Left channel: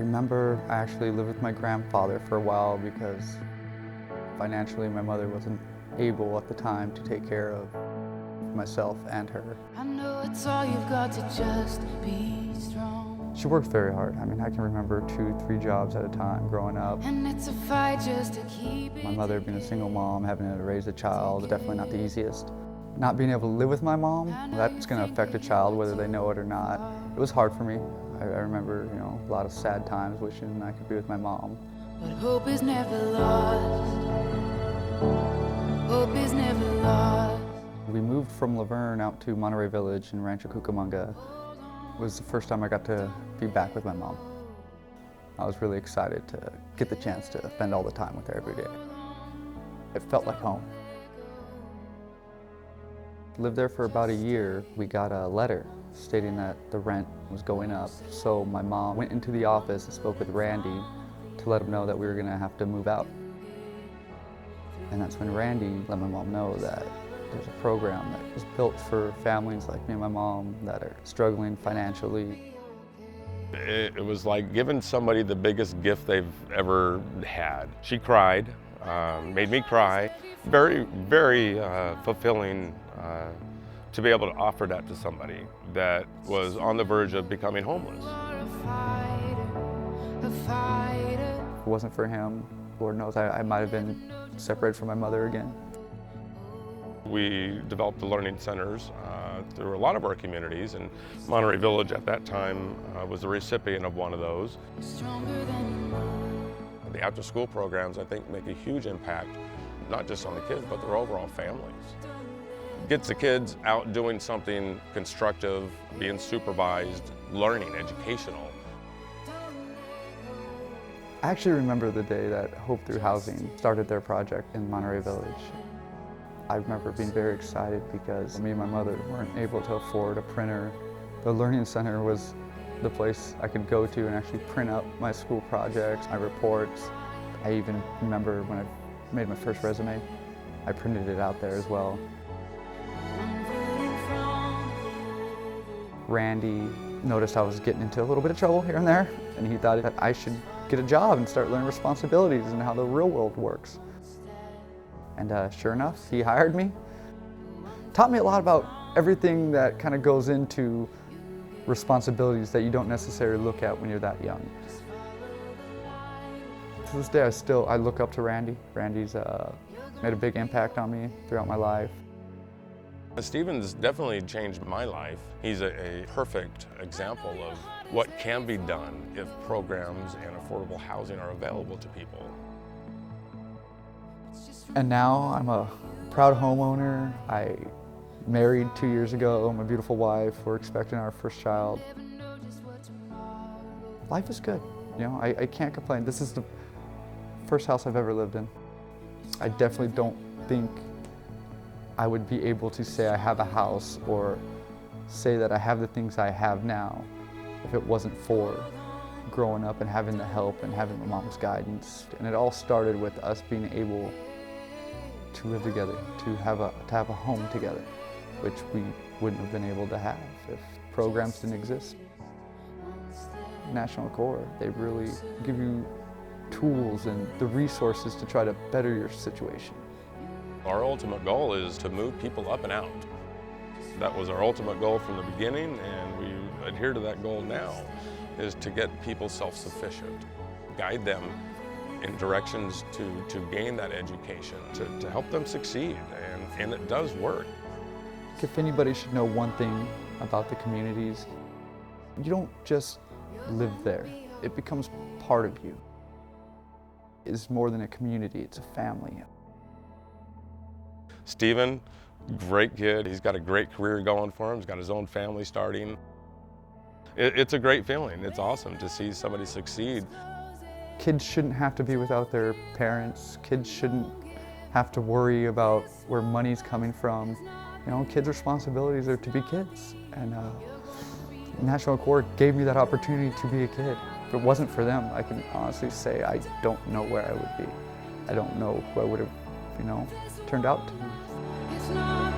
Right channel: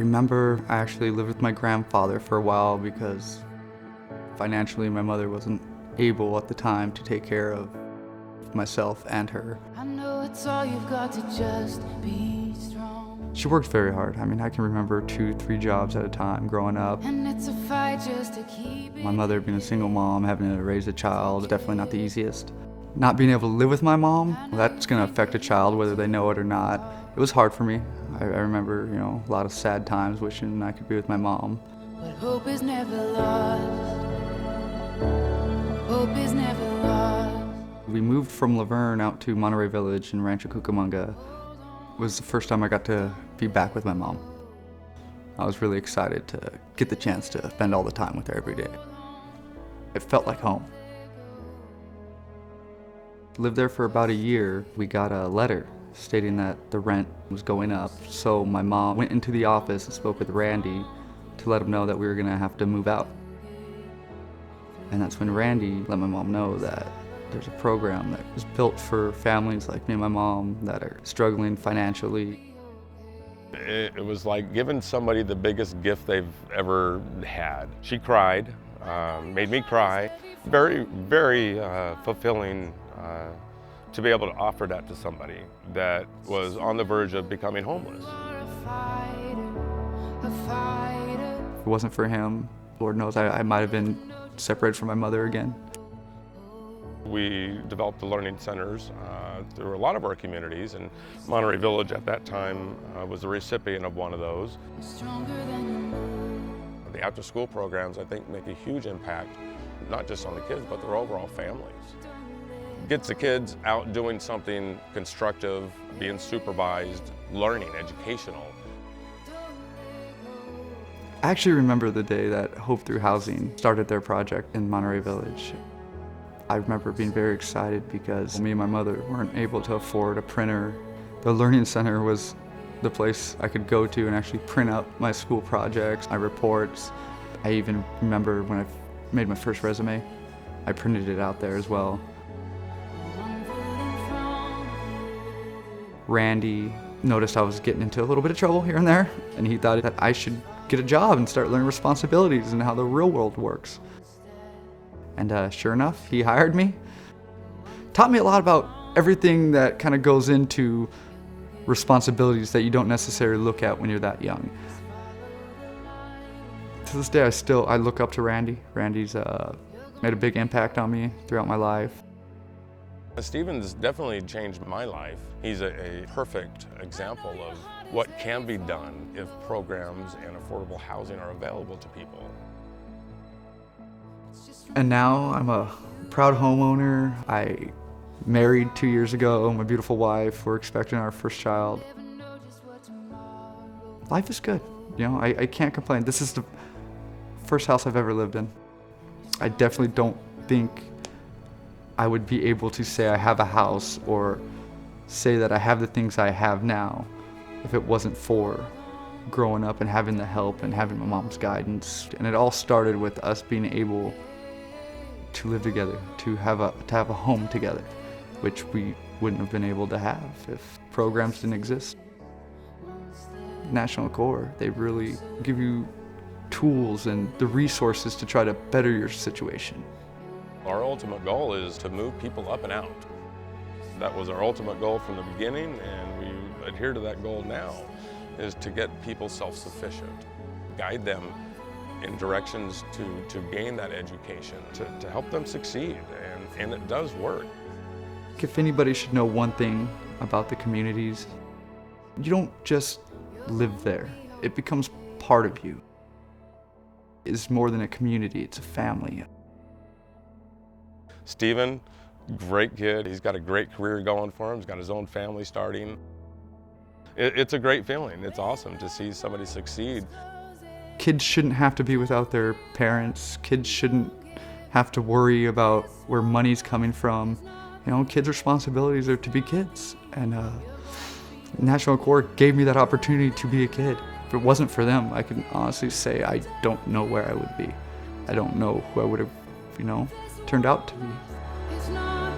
remember I actually lived with my grandfather for a while because financially my mother wasn't able at the time to take care of myself and her. I know it's all you've got to just be strong. She worked very hard. I mean, I can remember 2-3 jobs at a time growing up. And it's a fight just to keep it. My mother being a single mom, having to raise a child, definitely not the easiest. Not being able to live with my mom, that's gonna affect a child whether they know it or not. It was hard for me. I remember, a lot of sad times wishing I could be with my mom. But hope is never lost. Hope is never lost. We moved from Laverne out to Monterey Village in Rancho Cucamonga. It was the first time I got to be back with my mom. I was really excited to get the chance to spend all the time with her every day. It felt like home. Lived there for about a year. We got a letter stating that the rent was going up. So my mom went into the office and spoke with Randy to let him know that we were gonna have to move out. And that's when Randy let my mom know that there's a program that is built for families like me and my mom that are struggling financially. It was like giving somebody the biggest gift they've ever had. She cried, made me cry. Very, very fulfilling to be able to offer that to somebody that was on the verge of becoming homeless. If it wasn't for him, Lord knows I might have been separated from my mother again. We developed the learning centers through a lot of our communities, and Monterey Village at that time was the recipient of one of those. The after-school programs, I think, make a huge impact, not just on the kids, but their overall families. Gets the kids out doing something constructive, being supervised, learning, educational. I actually remember the day that Hope Through Housing started their project in Monterey Village. I remember being very excited because me and my mother weren't able to afford a printer. The Learning Center was the place I could go to and actually print up my school projects, my reports. I even remember when I made my first resume, I printed it out there as well. Randy noticed I was getting into a little bit of trouble here and there, and he thought that I should get a job and start learning responsibilities and how the real world works. And sure enough, he hired me. Taught me a lot about everything that kind of goes into responsibilities that you don't necessarily look at when you're that young. To this day, I look up to Randy. Randy's made a big impact on me throughout my life. Stephen's definitely changed my life. He's a perfect example of what can be done if programs and affordable housing are available to people. And now I'm a proud homeowner. I married 2 years ago, my beautiful wife. We're expecting our first child. Life is good, I can't complain. This is the first house I've ever lived in. I definitely don't think I would be able to say I have a house or say that I have the things I have now if it wasn't for growing up and having the help and having my mom's guidance. And it all started with us being able to live together, to have a home together, which we wouldn't have been able to have if programs didn't exist. National Corps, they really give you tools and the resources to try to better your situation. Our ultimate goal is to move people up and out. That was our ultimate goal from the beginning, and we adhere to that goal now, is to get people self-sufficient, guide them in directions to gain that education, to help them succeed, and it does work. If anybody should know one thing about the communities, you don't just live there. It becomes part of you. It's more than a community, it's a family. Stephen, great kid. He's got a great career going for him. He's got his own family starting. It's a great feeling. It's awesome to see somebody succeed. Kids shouldn't have to be without their parents. Kids shouldn't have to worry about where money's coming from. Kids' responsibilities are to be kids. And National Corps gave me that opportunity to be a kid. If it wasn't for them, I can honestly say I don't know where I would be. I don't know who I would have, turned out to be. It's not